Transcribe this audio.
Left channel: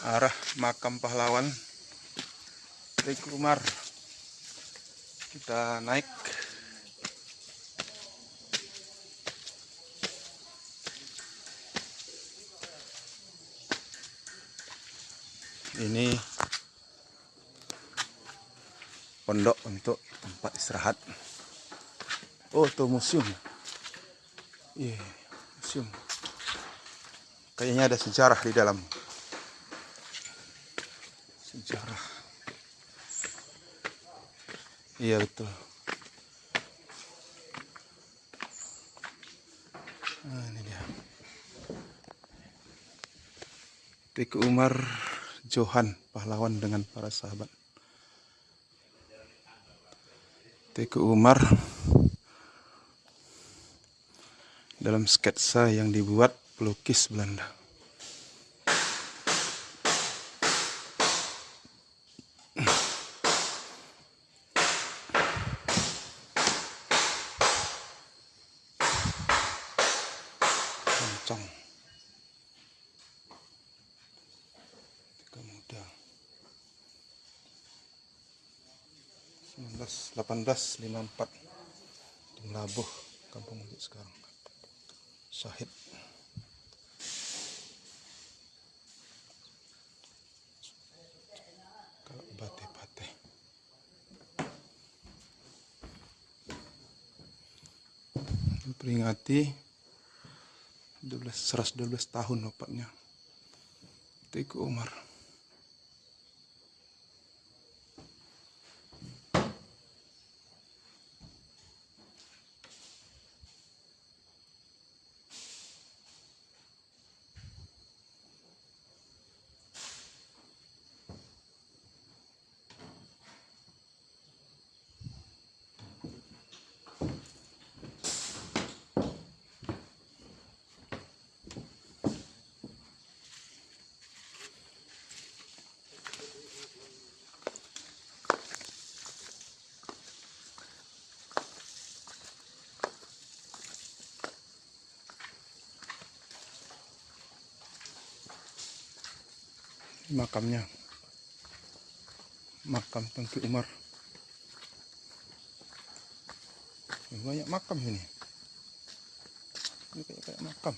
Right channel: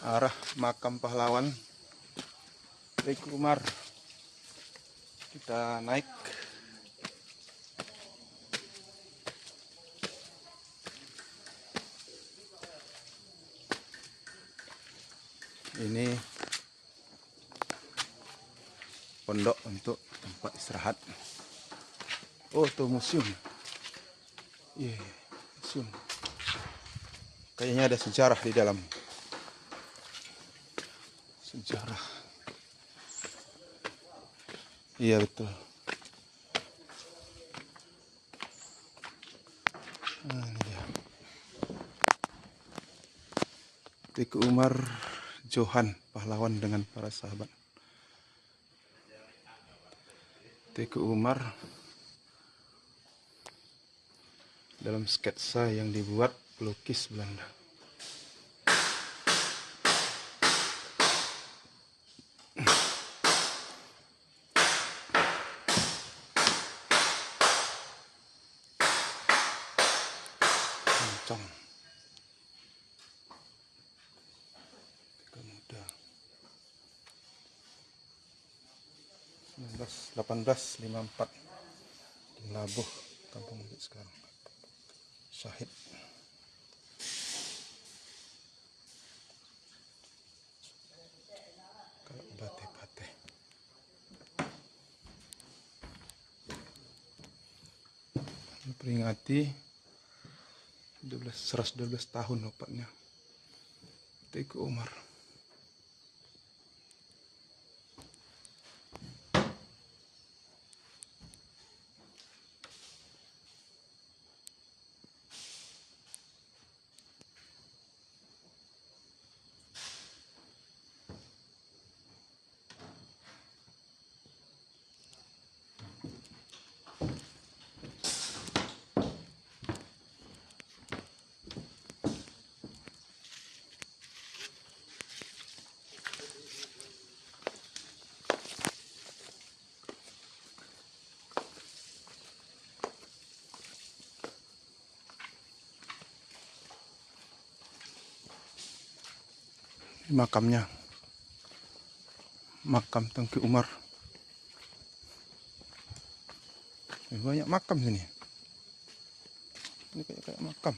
arah makam pahlawan Teuku Umar. Kita naik. Ini pondok untuk tempat istirahat. Oh, itu museum. Iya, museum. Kayaknya ada sejarah di dalam. Sejarah. Iya, betul. Nah, ini dia. Teuku Umar Johan, pahlawan dengan para sahabat. Teuku Umar dalam sketsa yang dibuat pelukis Belanda. Kencang. Muda. 1854 di Melabuh, Kampung Masjid sekarang. Syahid. Kalau bate-bate. Memperingati 112 tahun wafatnya Teuku Umar. Makamnya, makam Teuku Umar. Banyak makam ini. Ini kayak makam.